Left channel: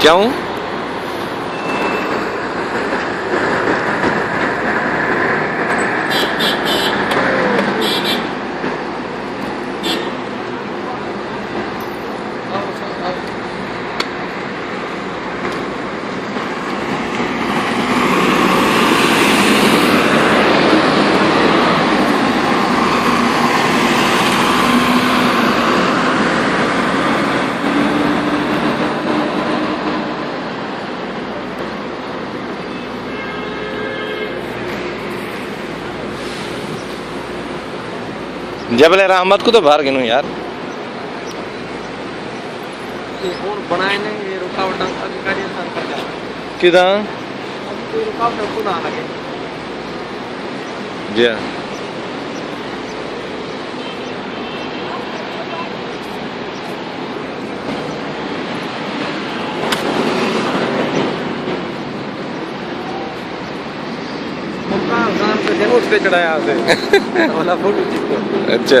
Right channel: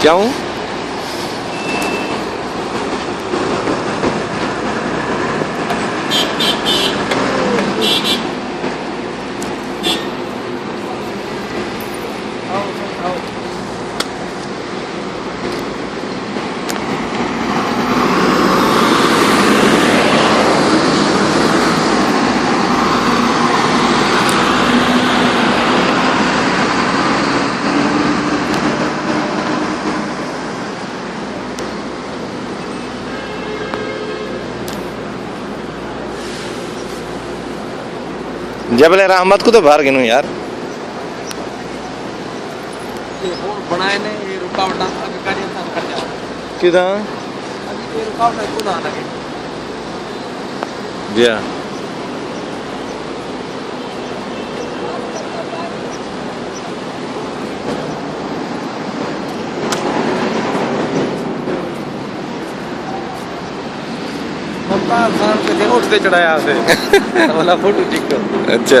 क्यों? जबल रहमत को तो बाहर गिनो यार। और बनाए ने ये रुकावट किदा ये रुकावट खुद आना जी हाँ। उठते चढ़ाया वाला फोटो चिक्को। अच्छा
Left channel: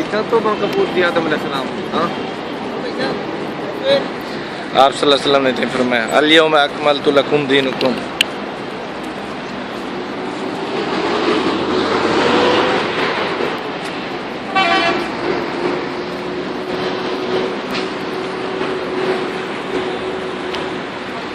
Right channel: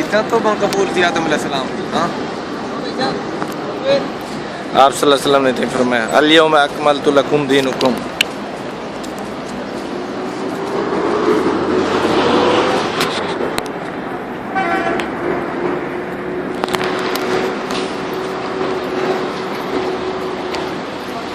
इतना तो कबूल किया तुमने सलाम। आप सल्लल्लाहु अलैहि वसल्लम ने फरमाया अल यौम अकमलतु लकुम दीनुकुम